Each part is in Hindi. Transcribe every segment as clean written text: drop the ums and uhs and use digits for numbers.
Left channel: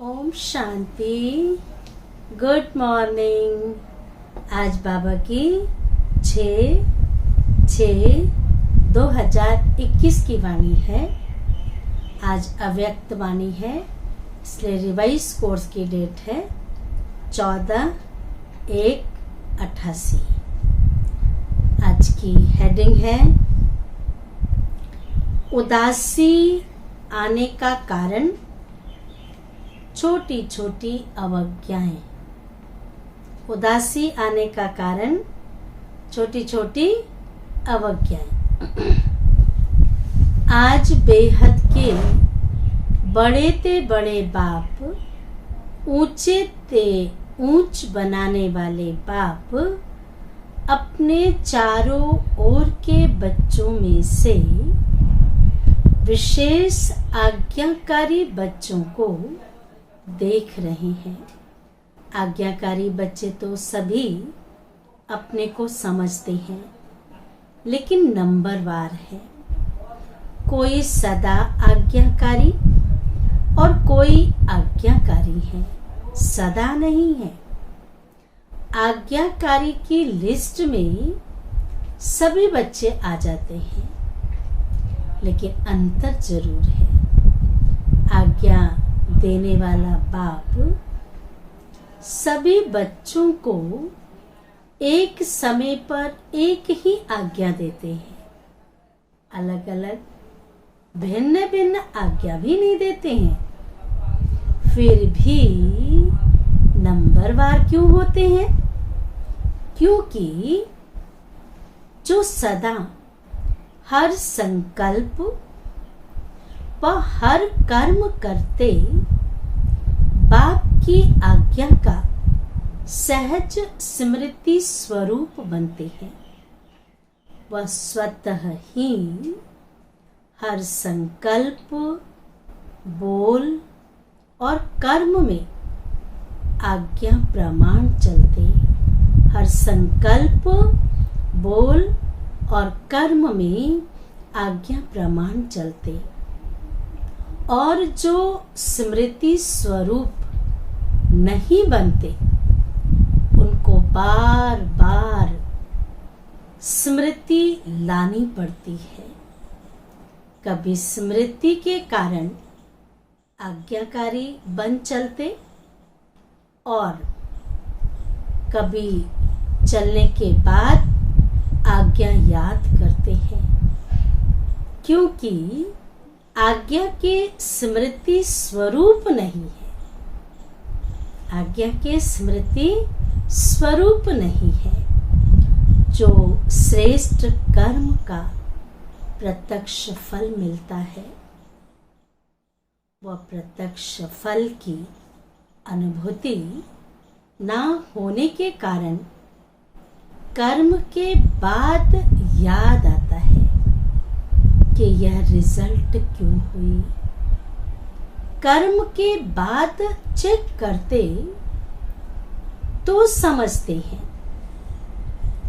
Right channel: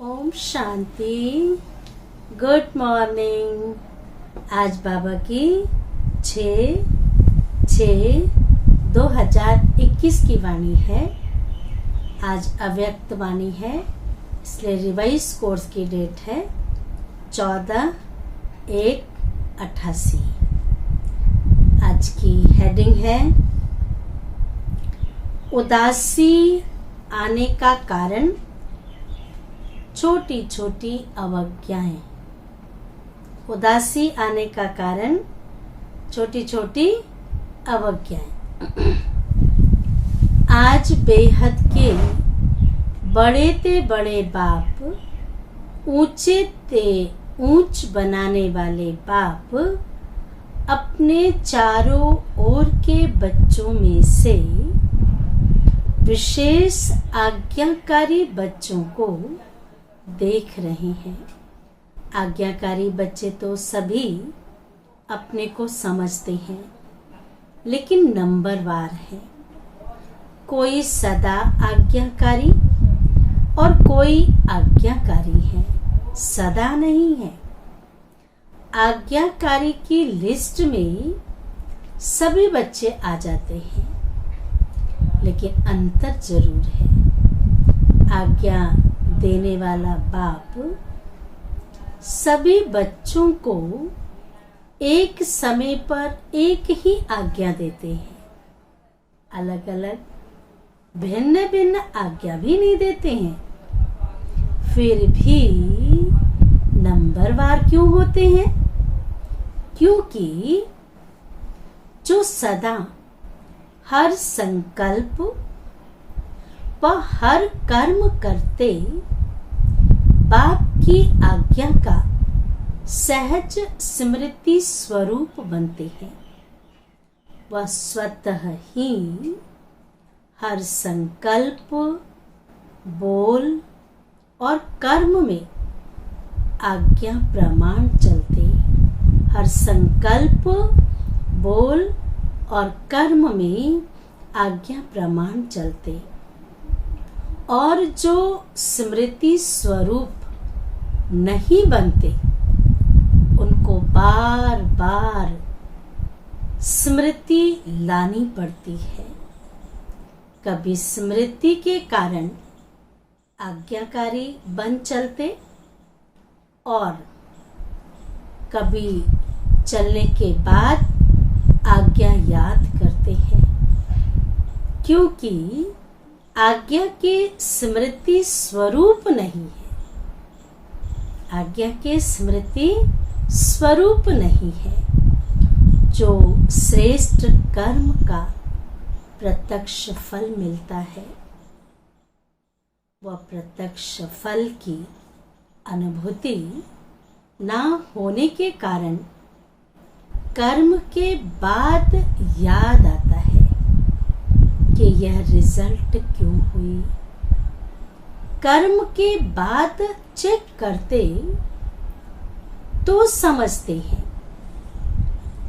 ओम शांति। Good morning. आज बाबा की 6/6/2021 की वाणी है। आज अव्यक्त वाणी है, इसलिए रिवाइज कोर्स की डेट है 14/1/88। आज की हेडिंग है उदासी आने का कारण छोटी छोटी अवज्ञाएं। उदासी आने का कारण छोटी छोटी अवज्ञाएं। आज बेहद के बड़े ते बड़े बाप, ऊंचे ते ऊंच बनाने वाले बाप अपने चारों ओर के बच्चों में से विशेष आज्ञाकारी बच्चों को देख रहे हैं। आज्ञाकारी बच्चे तो सभी अपने को समझते हैं, लेकिन नंबरवार है। कोई सदा आज्ञाकारी और कोई आज्ञाकारी है, सदा नहीं है। आज्ञाकारी की लिस्ट में सभी बच्चे आ जाते हैं, लेकिन अंतर जरूर है। आज्ञा देने वाला बाप सभी बच्चों को एक समय पर एक ही आज्ञा देते हैं। अलग अलग भिन्न भिन्न आज्ञा भी नहीं देते हैं। फिर भी नंबरवार क्यों होते हैं? क्योंकि जो सदा हर संकल्प व हर कर्म करते बाप की आज्ञा का सहज स्मृति स्वरूप बनते हैं, वह स्वतः ही हर संकल्प, बोल और कर्म में आज्ञा प्रमाण चलते। हर संकल्प, बोल और कर्म में आज्ञा प्रमाण चलते। और जो स्मृति स्वरूप नहीं बनते, उनको बार बार स्मृति लानी पड़ती है। कभी स्मृति के कारण आज्ञाकारी बन चलते और कभी चलने के बाद आज्ञा याद करते हैं, क्योंकि आज्ञा के स्मृति स्वरूप नहीं है। आज्ञा के स्मृति स्वरूप नहीं है। जो श्रेष्ठ कर्म का प्रत्यक्ष फल मिलता है, वह प्रत्यक्ष फल की अनुभूति ना होने के कारण कर्म के बाद याद आता है कि यह रिजल्ट क्यों हुई। कर्म के बाद चेक करते तो समझते हैं,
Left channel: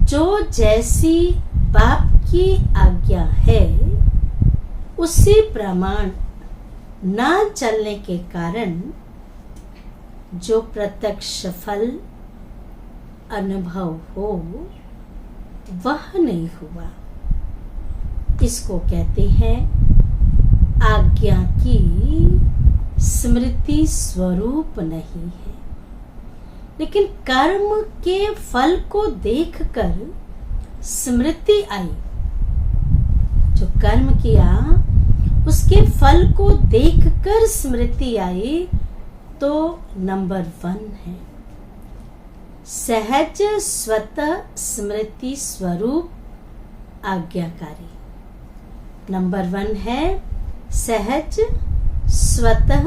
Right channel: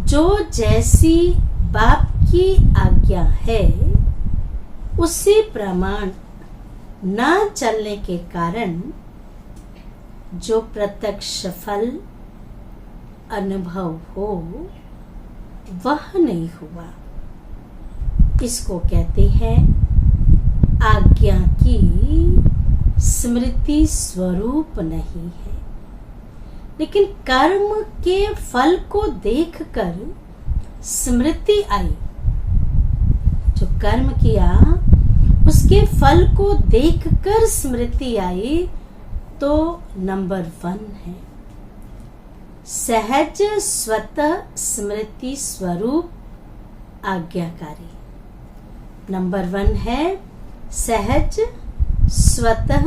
जो जैसी बाप की आज्ञा है उसी प्रमाण ना चलने के कारण जो प्रत्यक्ष फल अनुभव हो वह नहीं हुआ। इसको कहते हैं आज्ञा की स्मृति स्वरूप नहीं है। लेकिन कर्म के फल को देखकर स्मृति आई। जो कर्म किया उसके फल को देखकर स्मृति आई, तो नंबर 1 है सहज स्वतः स्मृति स्वरूप आज्ञाकारी। नंबर 1 है सहज स्वतः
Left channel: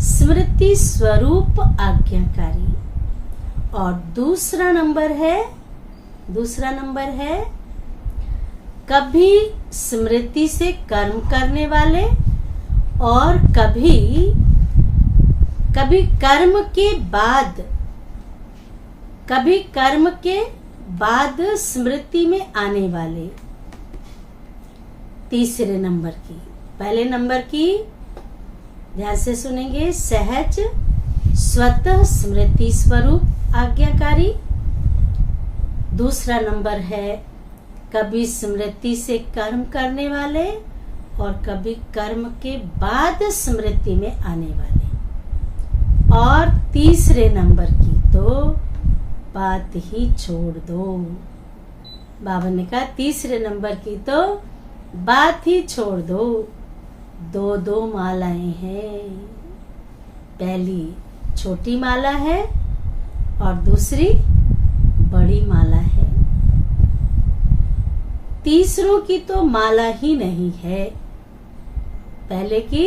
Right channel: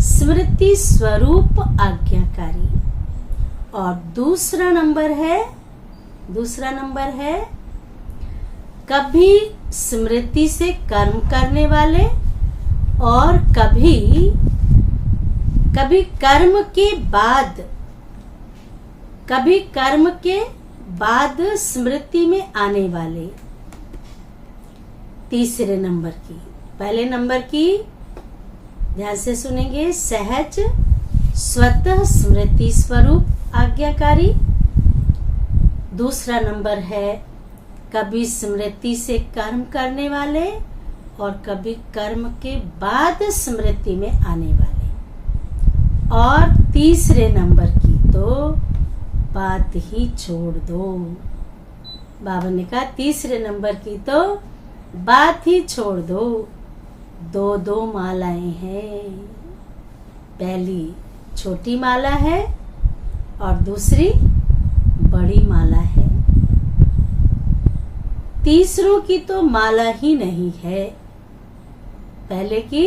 स्मृति स्वरूप आज्ञाकारी। और दूसरा नंबर है कभी स्मृति से कर्म करने वाले और कभी कर्म के बाद स्मृति में आने वाले। तीसरे नंबर की, पहले नंबर की ध्यान से सुनेंगे। सहज स्वतः स्मृति स्वरूप आज्ञाकारी। दूसरा नंबर है कभी स्मृति से कर्म करने वाले और कभी कर्म के बाद स्मृति में आने वाले। और तीसरे नंबर की तो बात ही छोड़ दो। बाबा ने कहा तीसरे नंबर की तो बात ही छोड़ दो। दो दो मालाएं हैं, पहली छोटी माला है और दूसरी बड़ी माला है। तीसरों की तो माला ही नहीं है। पहले की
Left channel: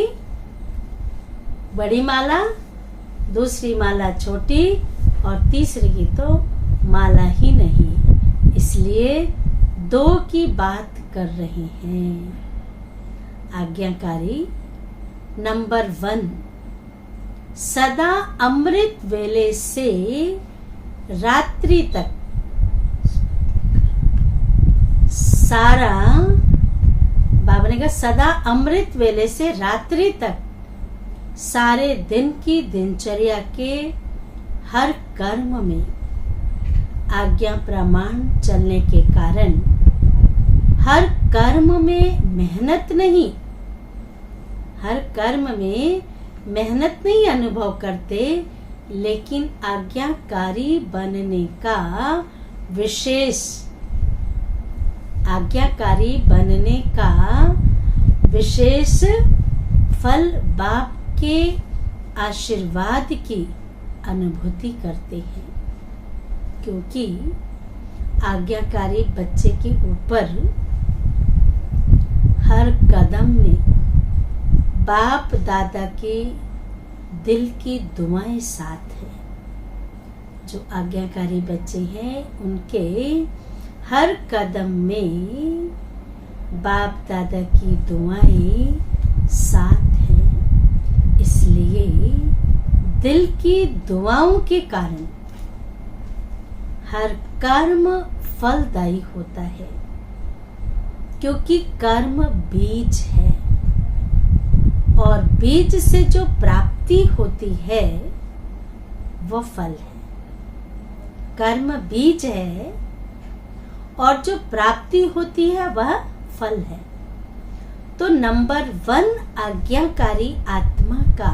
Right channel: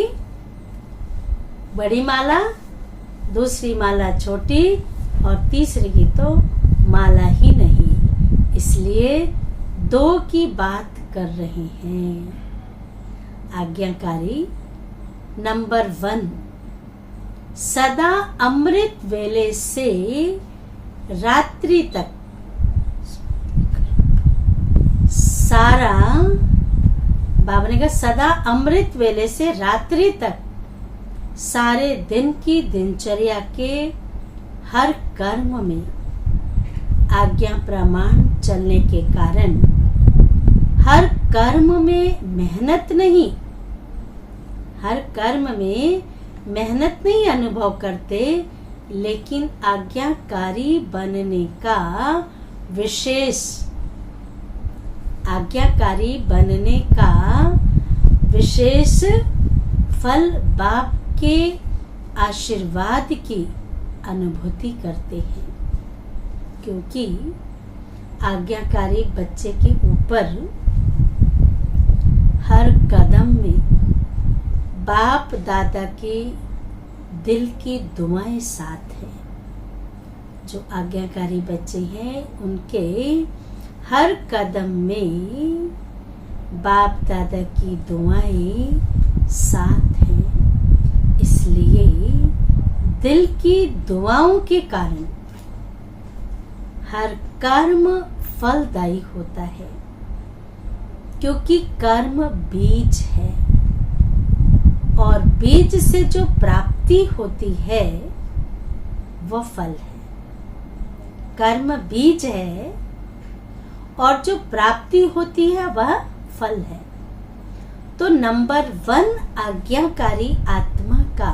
बड़ी माला, दूसरी माला छोटी और तीसरी की तो माला ही नहीं, इसलिए दो की बात कर रहे हैं। आज्ञाकारी नंबर 1, सदा अमृत वेले से रात्रि तक सारा, बाबा ने कहा सदा अमृत वेले से रात्रि तक सारे दिन की दिनचर्या के हर कर्म में आज्ञा प्रमाण चलने के कारण हर कर्म में मेहनत नहीं, हर कर्म में मेहनत नहीं अनुभव करते, लेकिन आज्ञाकारी बनने का विशेष, आज्ञाकारी बनने का विशेष फल बाप के आशीर्वाद की अनुभूति करते हैं। क्योंकि आज्ञाकारी बच्चे के ऊपर हर कदम में बाप दादा के दिल की दुआएं साथ है। जो आज्ञाकारी बच्चे हैं उनके हर कदम में बाप दादा की दुआएं साथ हैं। इसलिए दिल की दुआओं के कारण हर कर्म फलदायी होता है, क्योंकि कर्म बीज है और बीज से जो प्राप्ति होती है वह फल है। कर्म बीज है और जो प्राप्ति होती है वह फल है। तो नंबर 1 आज्ञाकारी आत्मा का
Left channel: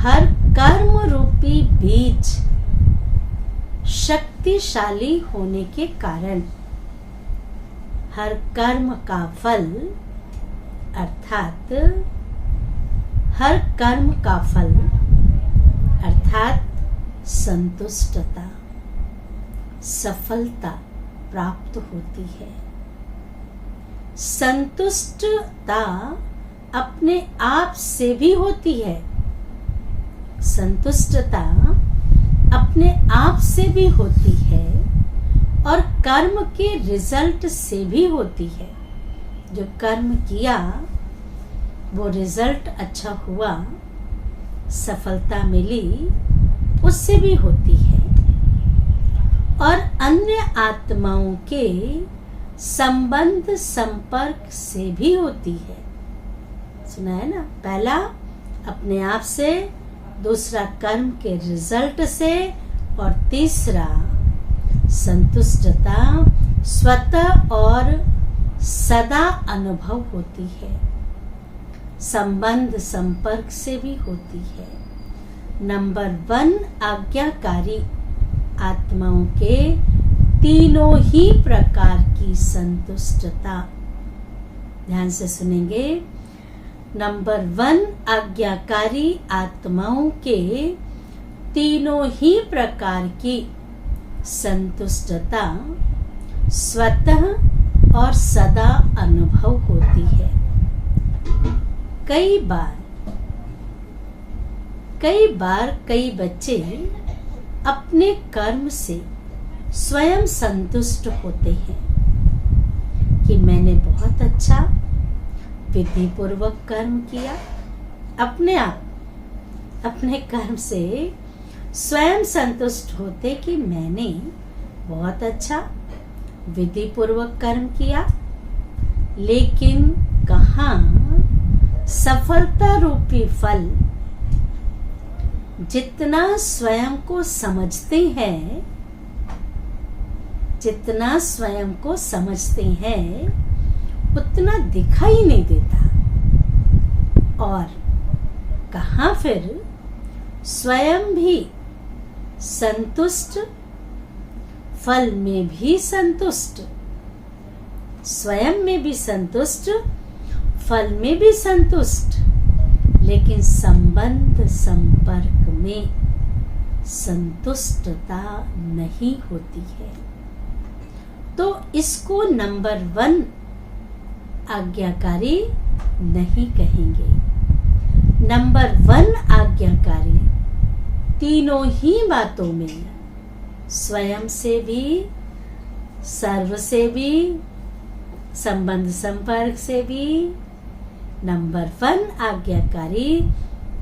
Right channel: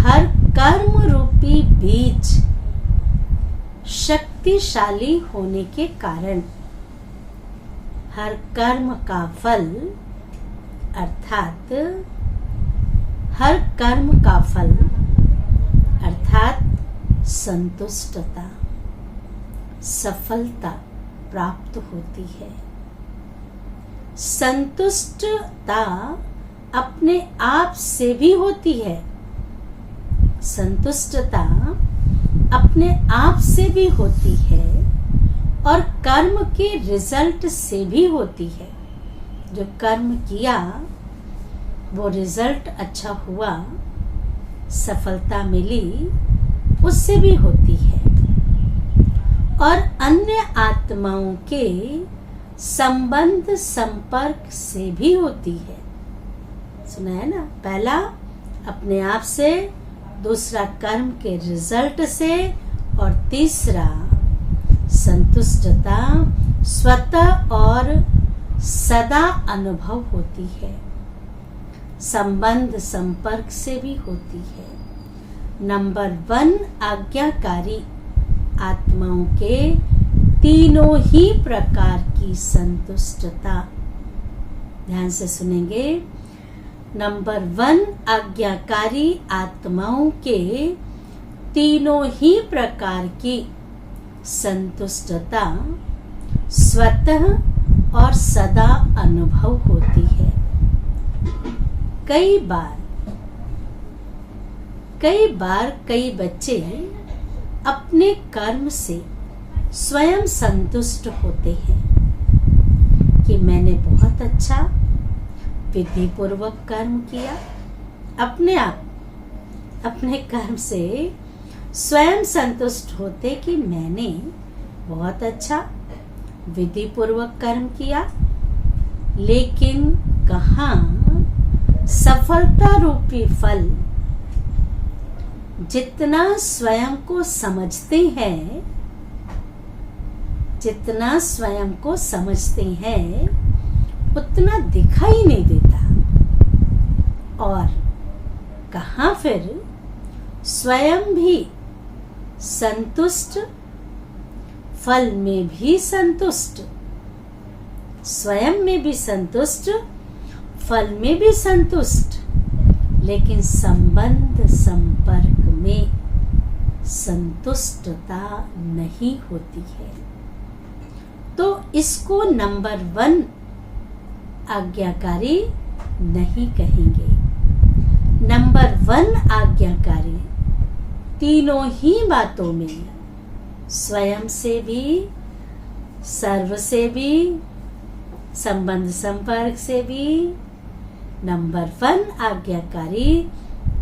हर कर्म रूपी बीज शक्तिशाली होने के कारण हर कर्म का फल, अर्थात हर कर्म का फल अर्थात संतुष्टता, सफलता प्राप्त होती है। संतुष्टता अपने आप से भी होती है, संतुष्टता अपने आप से भी होती है और कर्म के रिजल्ट से भी होती है। जो कर्म किया वो रिजल्ट अच्छा हुआ, सफलता मिली, उससे भी होती है। और अन्य आत्माओं के संबंध संपर्क से भी होती है। सुना है ना, पहला अपने आप से, दूसरा कर्म के रिजल्ट से और तीसरा संतुष्टता स्वतः और सदा अनुभव होती है। संबंध संपर्क से भी होती है। नंबर 1 आज्ञाकारी आत्माओं के तीनों ही प्रकार की संतुष्टता। ध्यान से सुनेंगे। नंबर 1 आज्ञाकारी आत्माओं के तीनों ही प्रकार की संतुष्टता स्वतः और सदा अनुभव होती है। कई बार कई बच्चे अपने कर्म से स्वयं संतुष्ट होते हैं कि मैंने बहुत अच्छा विधि पूर्वक कर्म किया। अपने आप अपने कर्म से स्वयं संतुष्ट होते कि मैंने बहुत अच्छा विधि पूर्वक कर्म किया। लेकिन कहाँ सफलता रूपी फल जितना स्वयं को समझते हैं, जितना स्वयं को समझते हैं उतना दिखाई नहीं देता। और कहाँ फिर स्वयं भी संतुष्ट, फल में भी संतुष्ट, स्वयं में भी संतुष्ट, फल में भी संतुष्ट, लेकिन संबंध संपर्क में संतुष्टता नहीं होती है। तो इसको नंबर 1 आज्ञाकारी नहीं कहेंगे। नंबर 1 आज्ञाकारी तीनों ही बातों में, स्वयं से भी, सर्व से भी, संबंध संपर्क से भी, नंबर 1 आज्ञाकारी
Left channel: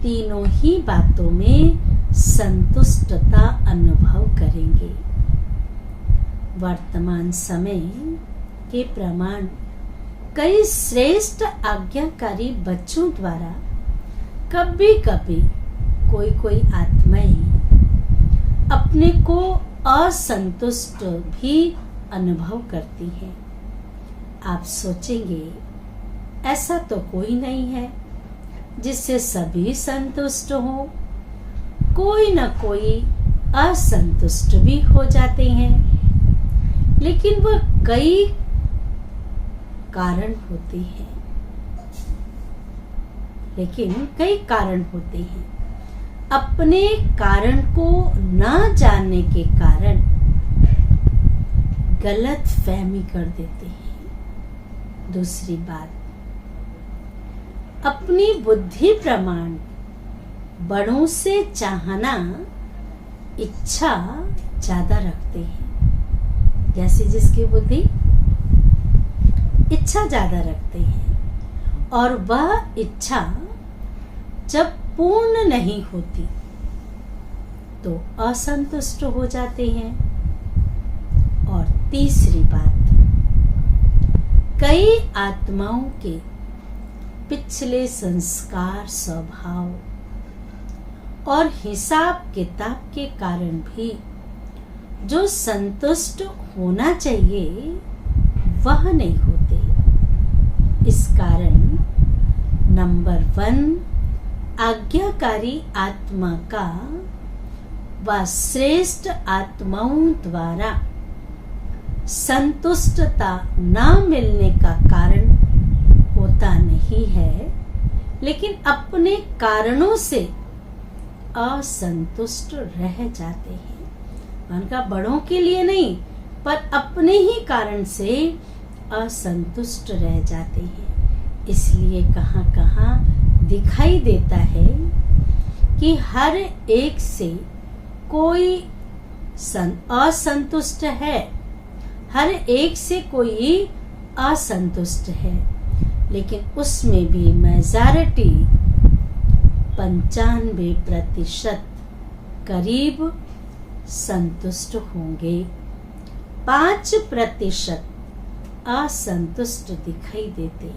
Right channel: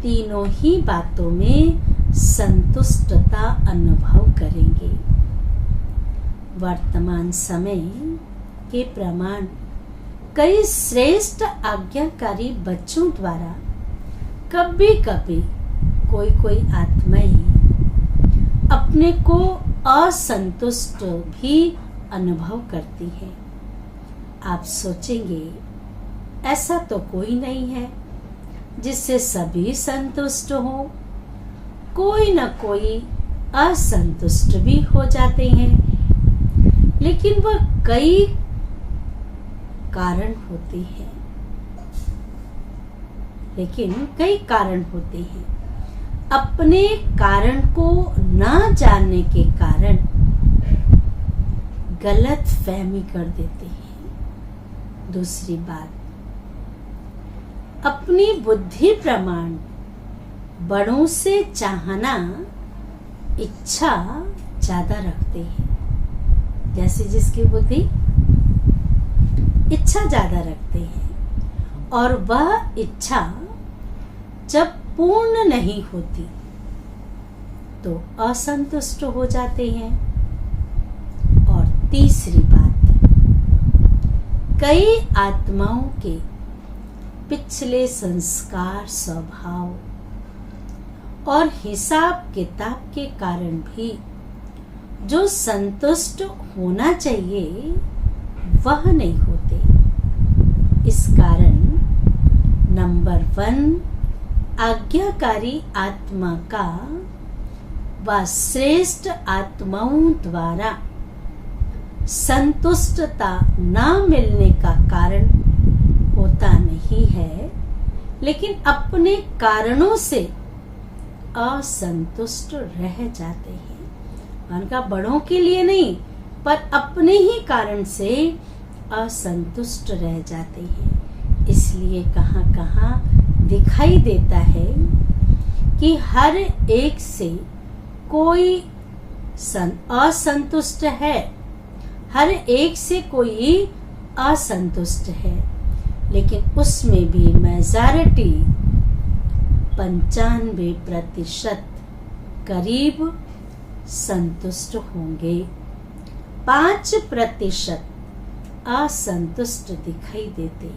तीनों ही बातों में संतुष्टता अनुभव करेंगे। वर्तमान समय के प्रमाण कई श्रेष्ठ आज्ञाकारी बच्चों द्वारा कभी कभी कोई आत्माएं अपने को असंतुष्ट भी अनुभव करती हैं। आप सोचेंगे ऐसा तो कोई नहीं है जिससे सभी संतुष्ट हो, कोई न कोई असंतुष्ट भी हो जाते हैं, लेकिन वह कई कारण होते हैं, अपने कारण को न जानने के कारण गलत फहमी कर देते हैं। दूसरी बात, अपनी बुद्धि प्रमाण बड़ों से चाहना इच्छा ज्यादा रखते हैं। जैसे जिसकी बुद्धि इच्छा ज्यादा रखते हैं और वह इच्छा जब पूर्ण नहीं होती तो असंतुष्ट हो जाते हैं। और तीसरी बात, कई आत्माओं के पिछले संस्कार, स्वभाव और हिसाब किताब के कारण भी जो संतुष्ट होना चाहिए वह नहीं होते। इस कारण नंबर 1 आज्ञाकारी आत्मा का व श्रेष्ठ आत्माओं द्वारा संतुष्टता न मिलने का कारण होता नहीं है, लेकिन अपने कारणों से असंतुष्ट रह जाते हैं। उनका बड़ों के लिए नहीं, पर अपने ही कारण से असंतुष्ट रह जाते हैं। इसलिए कहाँ कहाँ दिखाई देता है कि हर एक से कोई असंतुष्ट है, हर एक से कोई असंतुष्ट है, लेकिन उसमें भी मेजॉरिटी 95% करीब संतुष्ट होंगे, 5% असंतुष्ट दिखाई देते।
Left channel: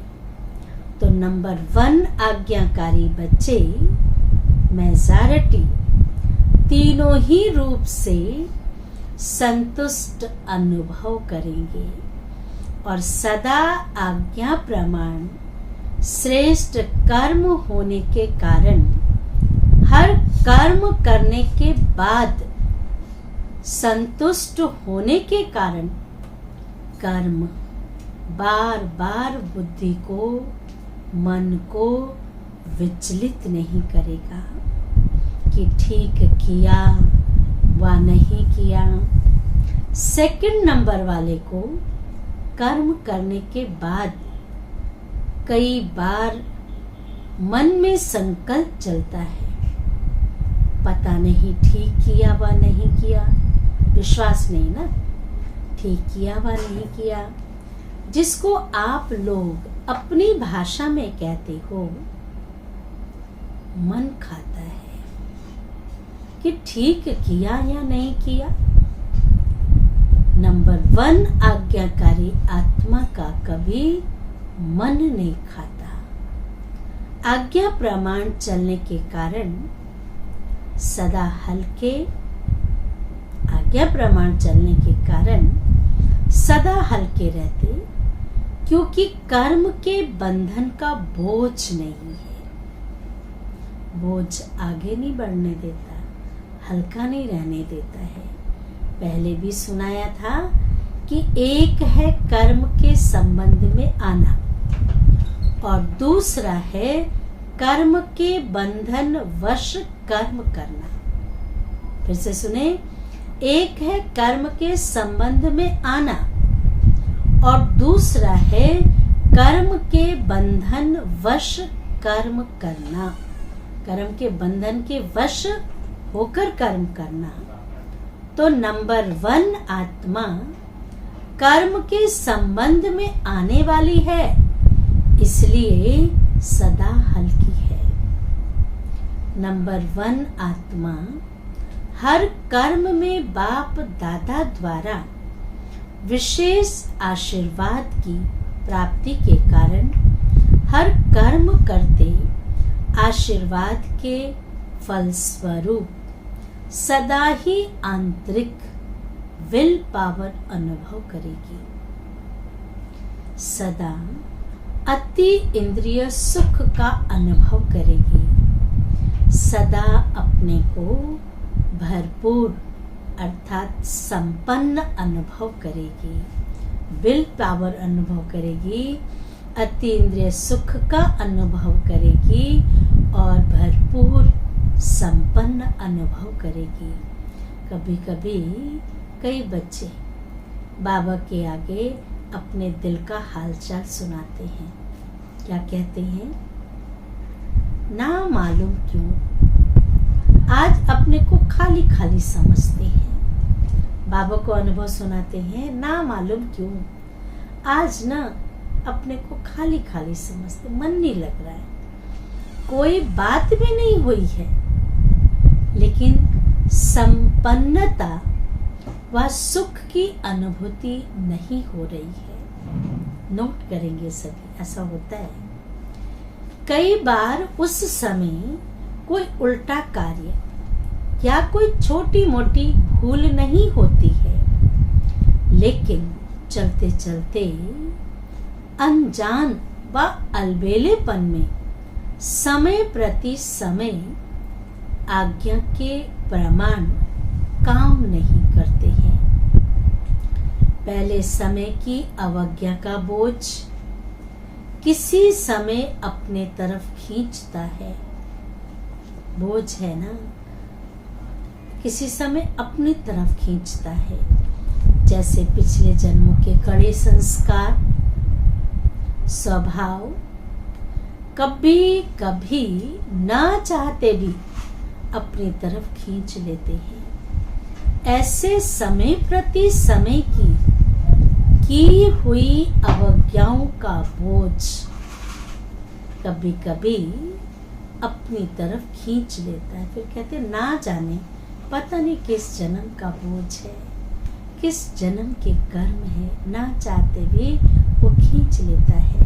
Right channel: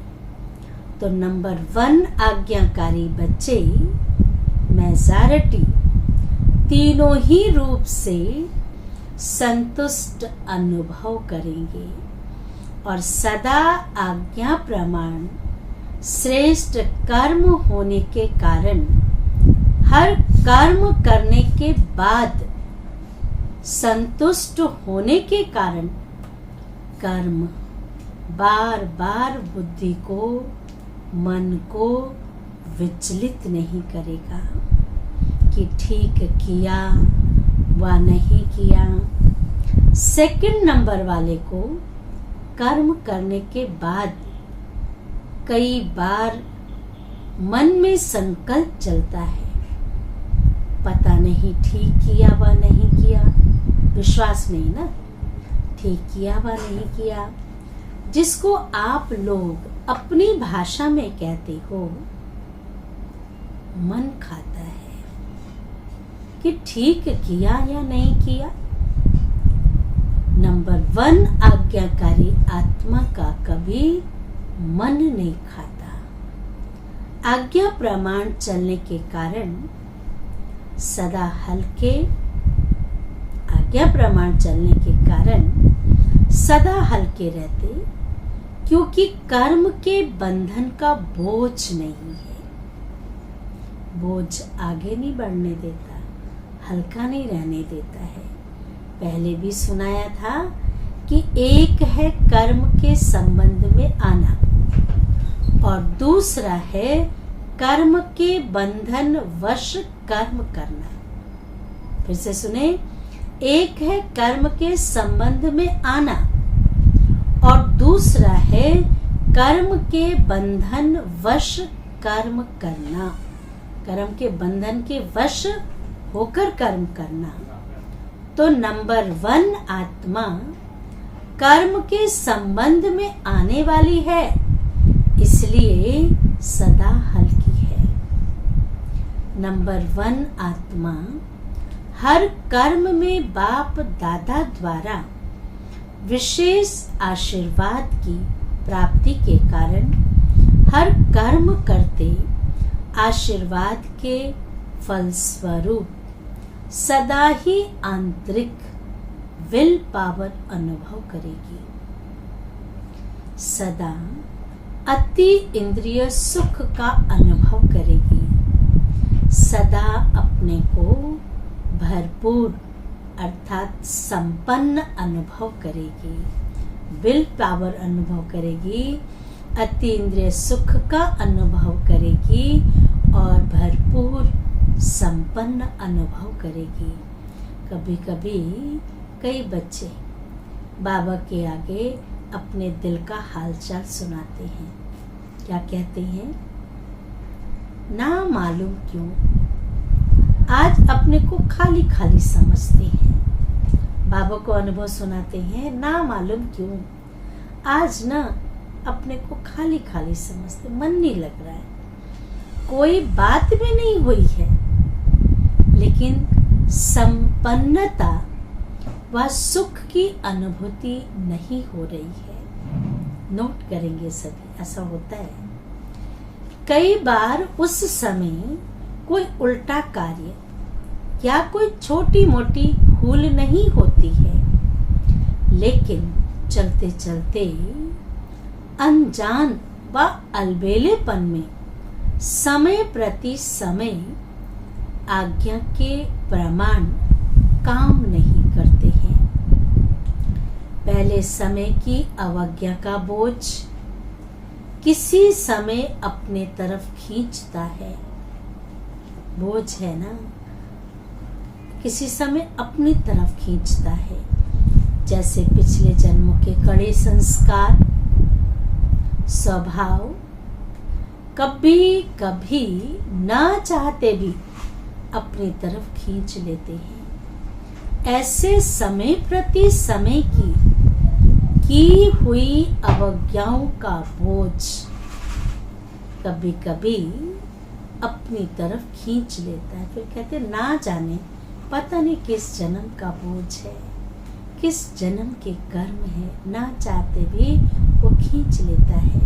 तो नंबर 1 आज्ञाकारी बच्चे मेजॉरिटी तीनों ही रूप से संतुष्ट अनुभव करेंगे और सदा आज्ञा प्रमाण श्रेष्ठ कर्म होने के कारण हर कर्म करने के बाद संतुष्ट होने के कारण कर्म बार बार बुद्धि को, मन को विचलित नहीं करेगा कि ठीक किया व नहीं किया। सेकंड नंबर वाले को कर्म करने के बाद कई बार मन में संकल्प चलता है, पता नहीं ठीक किया व नहीं किया, विश्वास नहीं ना, ठीक किया व नहीं किया, जिसको आप लोग अपनी भाषा में कहते हो मन खाता है कि ठीक किया या नहीं किया। नंबर 1 आज्ञाकारी आत्मा का कभी मन नहीं खाता। आज्ञा प्रमाण चलने के कारण सदा हल्के, आज्ञा प्रमाण चलने के कारण सदा हल्के रहते, क्योंकि कर्म के बंधन का बोझ नहीं है। बोझ आगे नहीं बढ़ने देता, हल्का नहीं रहने देता है। पहले भी सुनाया था कि एक है कर्म के संबंध में आना और दूसरा है कर्म के बंधन वश कर्म करना। फिर से सुने, एक है कर्म के संबंध में आना और दूसरा है कर्म के बंधन वश कर्म करना। कर्म के बंधन के वश होकर कर्म करना। तो नंबर 1 आत्मा कर्म के संबंध में आने वाली है, इसलिए सदा हल्की है। नंबर 1 आत्मा हर कर्म में बाप दादा द्वारा विशेष आशीर्वाद की प्राप्ति के कारण हर कर्म करते आशीर्वाद के फलस्वरूप सदा ही आंतरिक विल पावर अनुभव करेगी। सदा अति इंद्रिय सुख का अनुभव करेगी। सदा अपने को भरपूर अर्थात संपन्न अनुभव करेगी। विल पावर अनुभव करेगी, अति इंद्रिय सुख का अनुभव करेगी और भरपूर संपन्न अनुभव करेगी। कभी कभी कई बच्चे बाबा के आगे अपने दिल का हालचाल सुनाते हैं। क्या कहते हैं? ना मालूम क्यों आज अपने को खाली खाली समझते हैं। बाबा को अनुभव सुनाते हैं, ना मालूम क्यों आज ना अपने को खाली खाली समझते, मन नहीं लग रहा है, कोई बात भी नहीं हुई है, लेकिन संपन्नता व सुख की अनुभूति नहीं हो रही है। नोट करेंगे सभी, ऐसा होता है। कई बार उस समय कोई उल्टा कार्य या कोई छोटी मोटी भूल नहीं होती है, लेकिन चलते चलते अनजान व अलबेलेपन में समय प्रति समय आज्ञा के प्रमाण काम नहीं करते हैं। पहले समय की अवज्ञा का बोझ किसी समय अपने तरफ खींचता है। बोझ है ना, किसी समय अपनी तरफ खींचता है। जैसे पिछले जन्मों के कड़े संस्कार, स्वभाव कभी कभी ना चाहते भी अपनी तरफ खींच लेते हैं। ऐसे समय प्रति समय की हुई अवज्ञाओं का बोझ कभी कभी अपनी तरफ खींच लेता है। फिर कहते ना जाने पता नहीं किस जन्म का बोझ है, किस जन्म के कर्म है, ना चाहते भी वो खींच लेता है।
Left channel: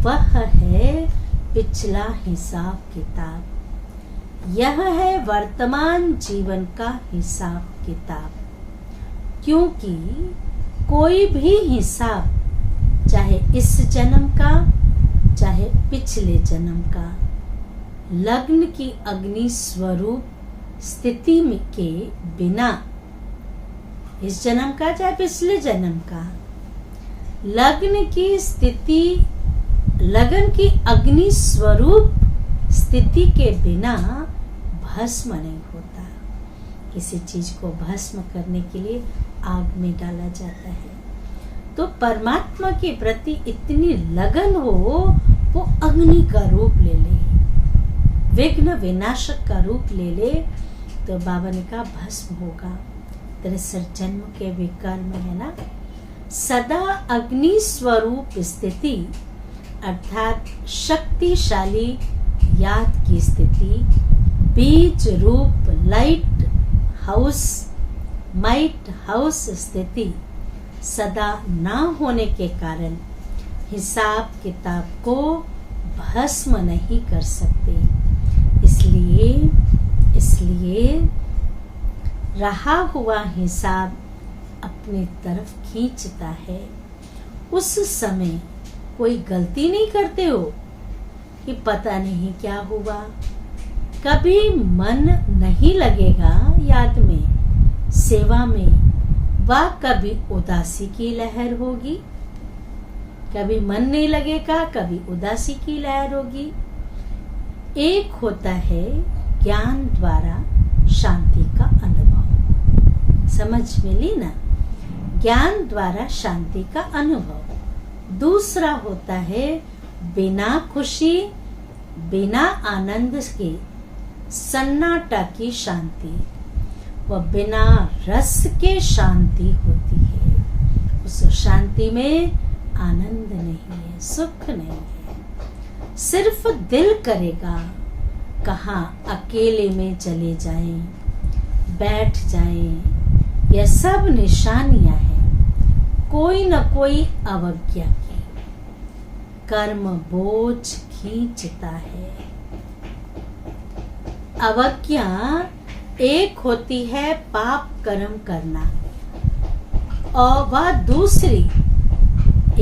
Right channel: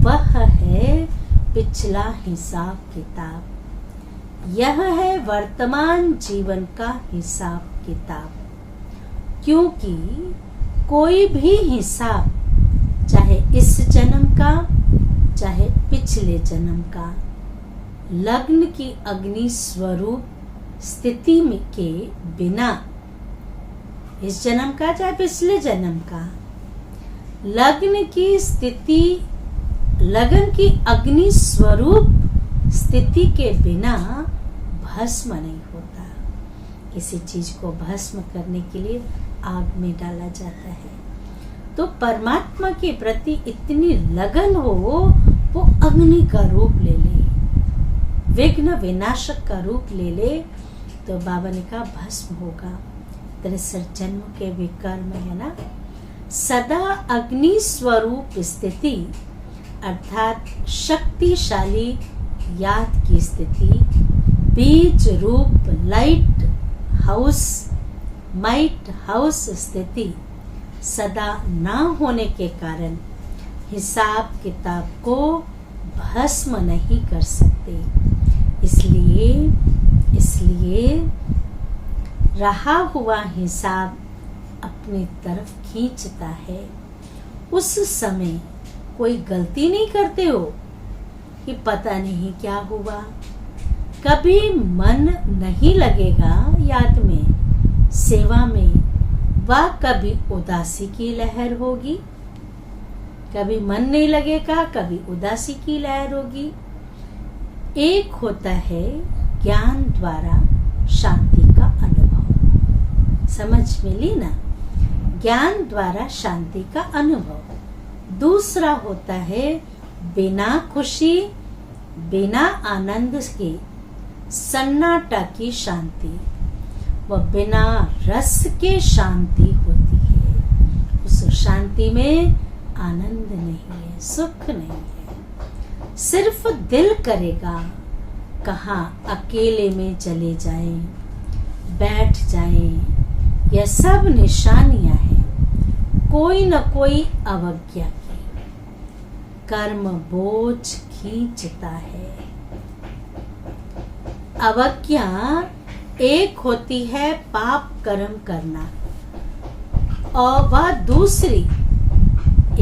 वह है पिछला हिसाब किताब। यह है वर्तमान जीवन का हिसाब किताब। क्योंकि कोई भी हिसाब, चाहे इस जन्म का चाहे पिछले जन्म का, लग्न की अग्नि स्वरूप स्थिति में के बिना, इस जन्म का चाहे पिछले जन्म का, लग्न की स्थिति, लगन की अग्नि स्वरूप स्थिति के बिना भस्म नहीं होता। किसी चीज को भस्म करने के लिए आग में डाला जाता है। तो परमात्मा के प्रति इतनी लगन हो, वो अग्नि का रूप ले ले, विघ्न विनाशक का रूप ले ले, तो बाबा ने कहा भस्म होगा। 63 जन्म के विकर्म है ना। सदा अग्नि स्वरूप स्थिति अर्थात शक्तिशाली याद की स्थिति, बीज रूप लाइट हाउस, माइट हाउस स्थिति सदा ना होने के कारण हिसाब किताब को भस्म नहीं कर सकते। इसलिए रहा हुआ हिसाब अपनी तरफ खींचता है। उस समय कोई गलती नहीं करते हो कि पता नहीं क्या हुआ। कभी मन नहीं लगेगा याद में, सेवा में, व कभी उदासी की लहर होगी। कभी मन नहीं लगेगा, कभी उदासी की लहर होगी। एक होता है ज्ञान द्वारा शांति का अनुभव। समझ मिली ना? ज्ञान द्वारा शांति का अनुभव। दूसरा होता है बिना खुशी, बिना आनंद के सन्नाटा की शांति। वह बिना रस के शांति होती है। उस शांति में आनंद नहीं है, सुख नहीं है। सिर्फ दिल करेगा कहाँ अकेले में चले जाएं, बैठ जाएं। यह सब निशानियां हैं कोई न कोई अवज्ञा की। कर्म बोझ खींचता है। अवज्ञा एक होती है पाप कर्म करना, और वह दूसरी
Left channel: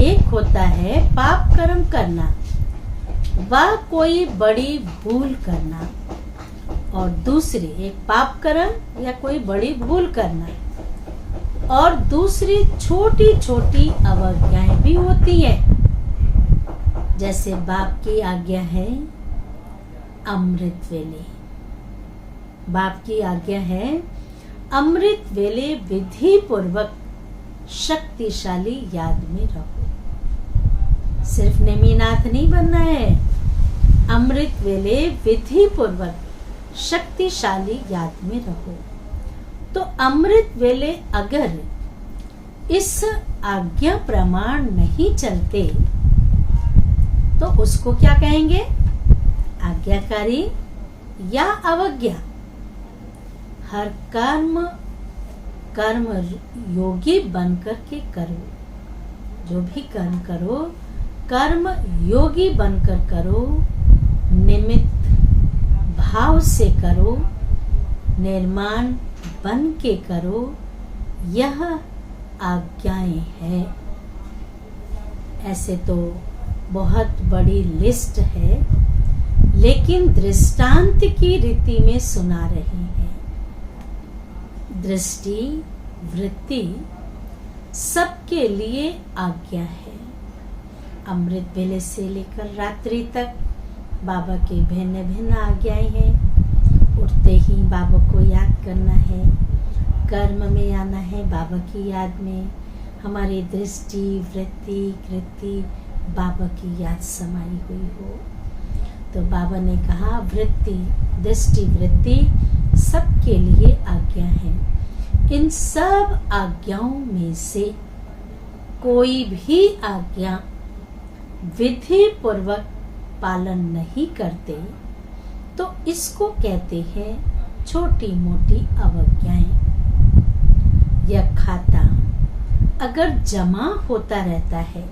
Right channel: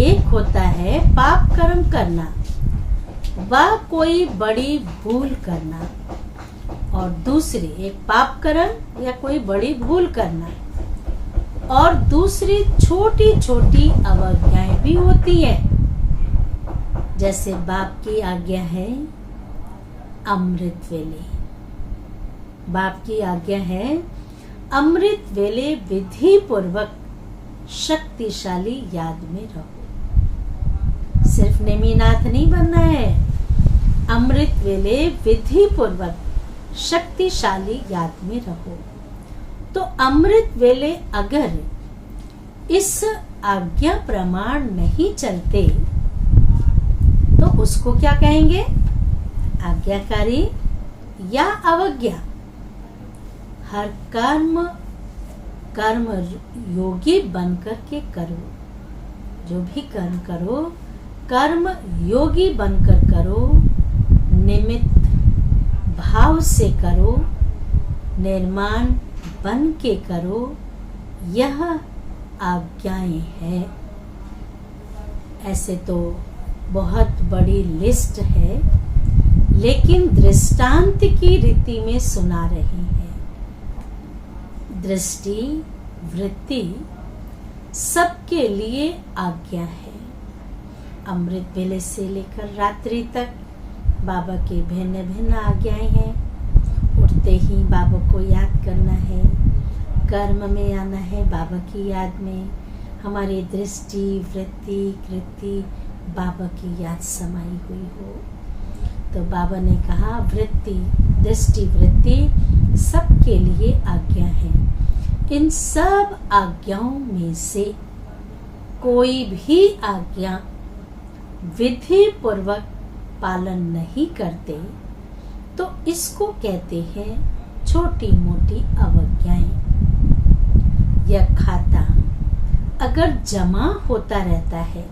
एक होता है पाप कर्म करना, वह कोई बड़ी भूल करना, और दूसरी एक पाप कर्म या कोई बड़ी भूल करना, और दूसरी छोटी छोटी अवज्ञाएं भी होती है। जैसे बाप की आज्ञा है अमृत वेले, बाप की आज्ञा है अमृत वेले विधि पूर्वक शक्तिशाली याद में रहो। सिर्फ नेमीनाथ नहीं बनना है, अमृत वेले विधि पूर्वक शक्तिशाली याद में रहो। तो अमृत वेले अगर इस आज्ञा प्रमाण नहीं चलते तो उसको क्या कहेंगे? आज्ञाकारी या अवज्ञा। हर कर्म योगी बनकर के करो। जो भी कर्म करो, कर्म योगी बनकर करो, निमित्त भाव से करो, निर्माण बन के करो। यह आज्ञाएं हैं। ऐसे तो बहुत बड़ी लिस्ट है, लेकिन दृष्टांत की रीति में सुना रहे हैं। दृष्टि वृत्ति सबके लिए आज्ञा है। अमृत वेले से लेकर रात्रि तक बाबा की भिन्न भिन्न आज्ञाएं हैं। उठते ही बाबा को याद करना है, कर्म में आना है बाबा की याद में। हमारी दृष्टि वृत्ति कृति बाबा की याद समाई हुई हो। तो बाबा ने कहा वृत्ति दृष्टि वृत्ति सबके लिए आज्ञा है। इन सब आज्ञाओं में से कोई भी आज्ञा विधि पूर्वक पालन नहीं करते तो इसको कहते हैं छोटी मोटी अवज्ञाएं। यह खाता अगर जमा होता रहता है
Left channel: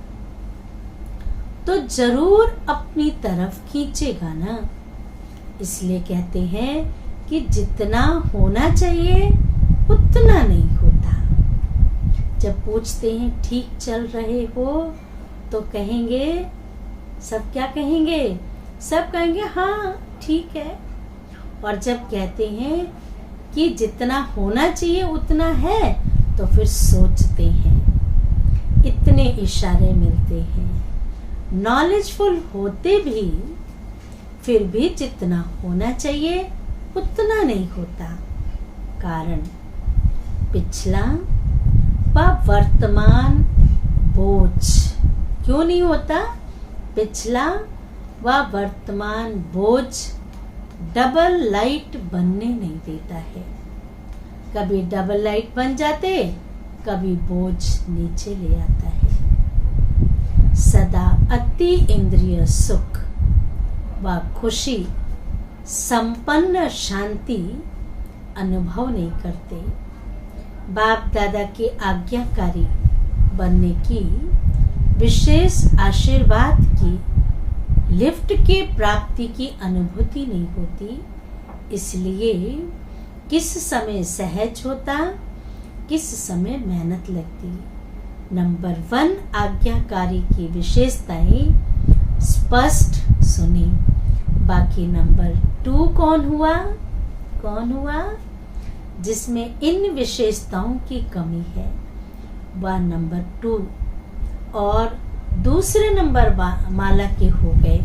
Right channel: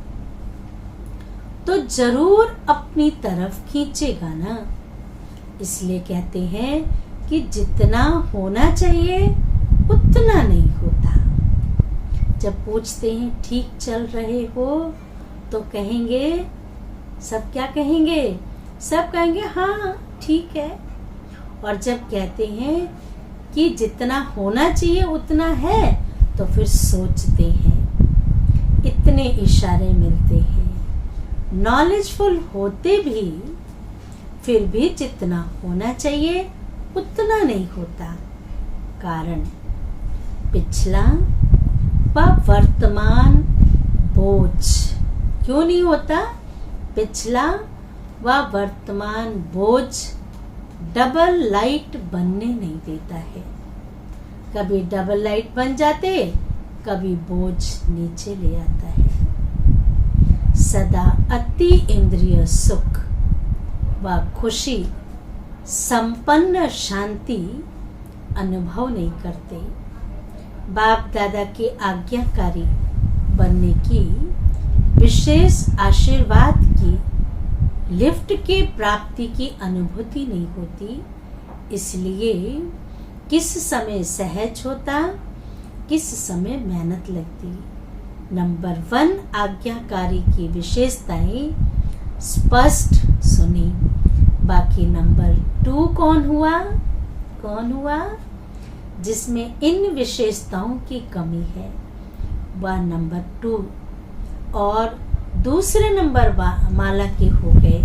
तो जरूर अपनी तरफ खींचेगा ना। इसलिए कहते हैं कि जितना होना चाहिए उतना नहीं होता। जब पूछते हैं ठीक चल रहे हो तो कहेंगे, सब क्या कहेंगे? सब कहेंगे हाँ ठीक है। और जब कहते हैं कि जितना होना चाहिए उतना है तो फिर सोचते हैं। इतने इशारे मिलते हैं। नॉलेजफुल होते भी फिर भी जितना होना चाहिए उतना नहीं होता। कारण पिछला व वर्तमान बोझ क्यों नहीं होता? पिछला व वर्तमान बोझ डबल लाइट बनने नहीं देता है। कभी डबल लाइट बन जाते, कभी बोझ नीचे ले आता है। सदा अति इंद्रिय सुख व खुशी संपन्न शांति अनुभव नहीं करते। बाप दादा के आज्ञाकारी बनने की विशेष आशीर्वाद की लिफ्ट के प्राप्ति की अनुभूति नहीं होती। इसलिए किस समय सहज होता, किस समय मेहनत लगती। नंबर 1 आज्ञाकारी की विशेषताएं स्पष्ट सुनी। बाकी नंबर 2 कौन हुआ जिसमें इन विशेषताओं की कमी है, वह नंबर 2 और दूसरे नंबर माला के हो गए।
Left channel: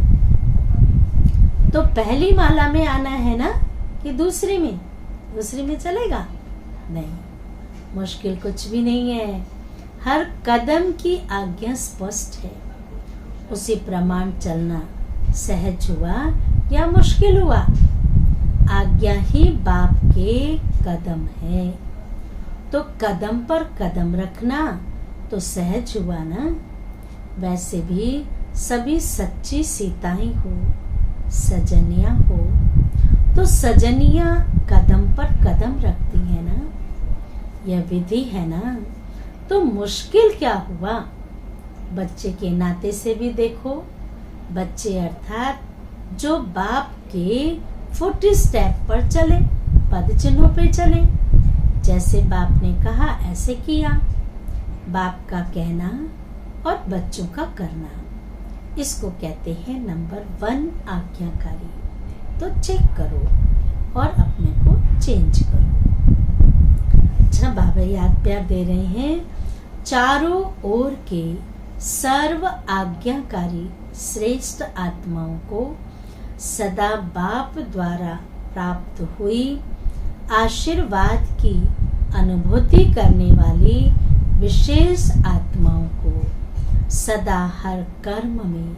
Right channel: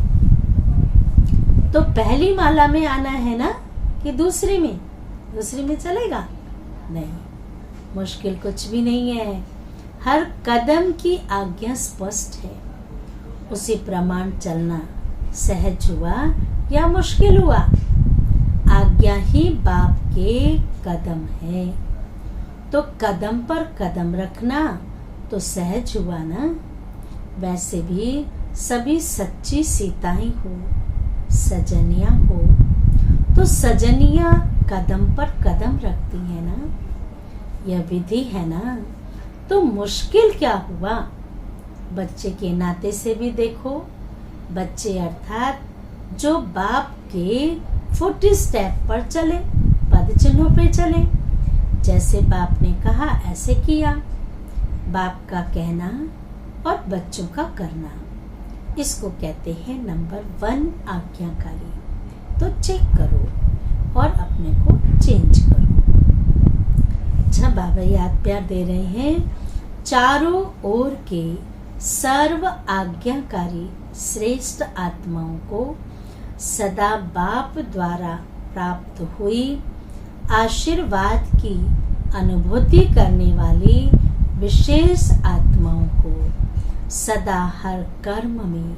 तो पहली माला में आना है ना कि दूसरी में चलेगा? नहीं, मुश्किल कुछ भी नहीं है। हर कदम की आज्ञा स्पष्ट है। उसी प्रमाण चलना सहज हुआ या मुश्किल हुआ, आज्ञा ही बाप के कदम है। तो कदम पर कदम रखना तो सहज हुआ ना। वैसे भी सभी सच्ची सीताएं हो, सजनियां हो, तो सजनियां कदम पर कदम रखती है ना। यह विधि है ना, तो मुश्किल क्या हुआ? बच्चे के नाते से भी देखो। बच्चे अर्थात जो बाप के फुट स्टेप पर चले, पद चिन्हों पे चले। जैसे बाप ने कहा ऐसे किया। बाप का कहना और बच्चों का करना, इसको कहते हैं नंबर 1 आज्ञाकारी। तो चेक करो और अपने को चेंज करो। अच्छा, बाबा याद प्यार दे रहे हैं, चारों ओर के सर्व आज्ञाकारी श्रेष्ठ आत्माओं को सदा बाप द्वारा प्राप्त हुई आशीर्वाद की अनुभूति करने वाली विशेष आत्माओं को सदा हर कर्म में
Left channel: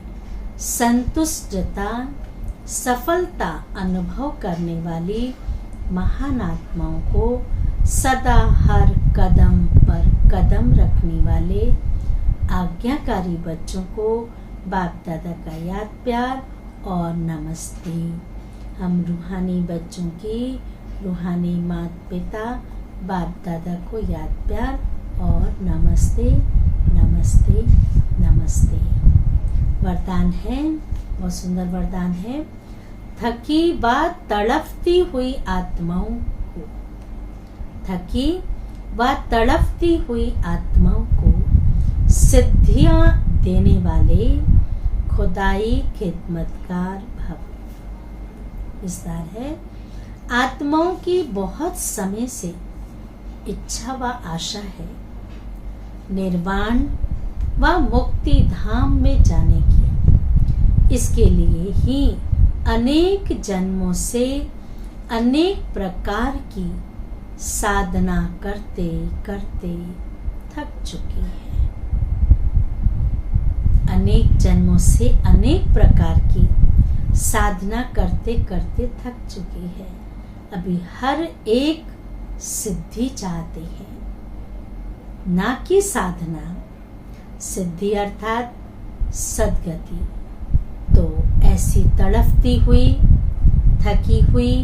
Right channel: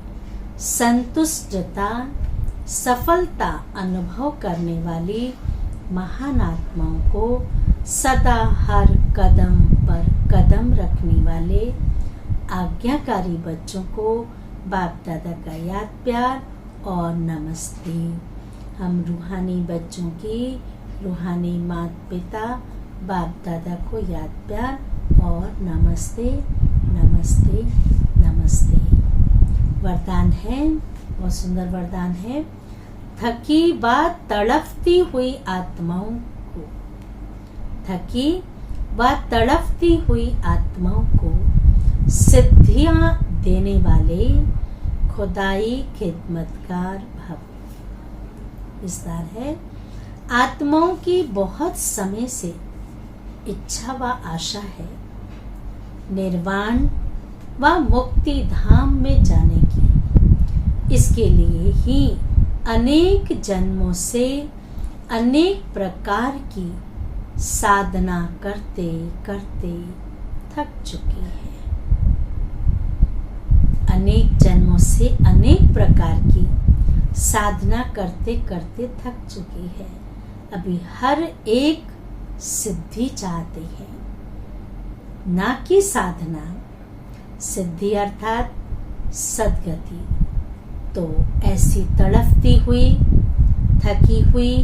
संतुष्टता सफलता अनुभव करने वाली महान आत्माओं को सदा हर कदम पर कदम रखने वाले आज्ञाकारी बच्चों को बाप दादा का याद प्यार और नमस्ते। हम रूहानी बच्चों की रूहानी माता पिता बाप दादा को याद प्यार और नमस्ते नमस्ते नमस्ते। वरदान है, बहुत सुंदर वरदान है। थकी व तड़पती हुई आत्माओं को, थकी व तड़पती हुई आत्माओं को सिद्धियां देने वाले खुदाई खिदमतगार भव। विस्तार है, आत्माओं की बहुत समय से इच्छा व आशा है निर्वाण व मुक्ति धाम में जाने की। इसके लिए ही अनेक जन्मों से अनेक प्रकार की साधना करते करते थक चुकी है। अनेक जन्मों से अनेक प्रकार की साधना करते करते थक चुकी है। अभी हर एक सिद्धि चाहते हैं, ना कि साधना। सिद्धि अर्थात सद्गति। तो ऐसी तड़पती हुई, थकी हुई,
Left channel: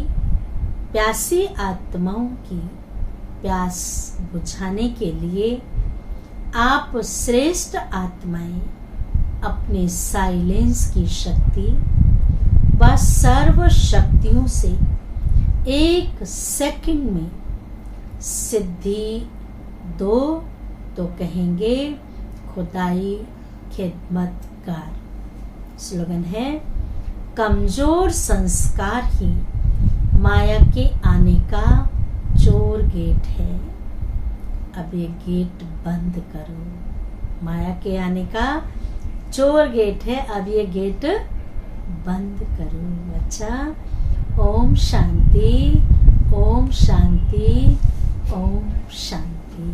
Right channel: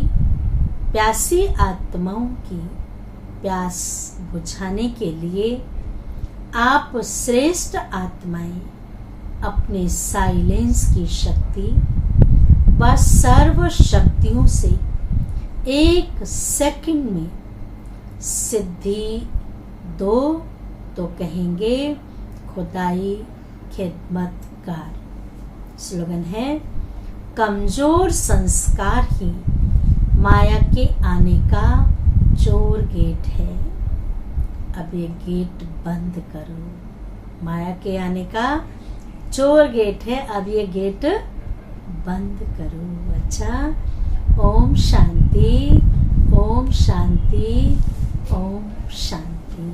प्यासी आत्माओं की प्यास बुझाने के लिए आप श्रेष्ठ आत्माएं अपने साइलेंस की शक्ति व सर्व शक्तियों से 1 सेकंड में सिद्धि दो तो कहेंगे खुदाई खिदमतगार। स्लोगन है, कमजोर संस्कार ही माया के आने का चोर गेट है। अब ये गेट बंद करो। माया के आने का चोर गेट है, अब ये गेट बंद करो। अच्छा, ओम शांति, ओम शांति, ओम शांति।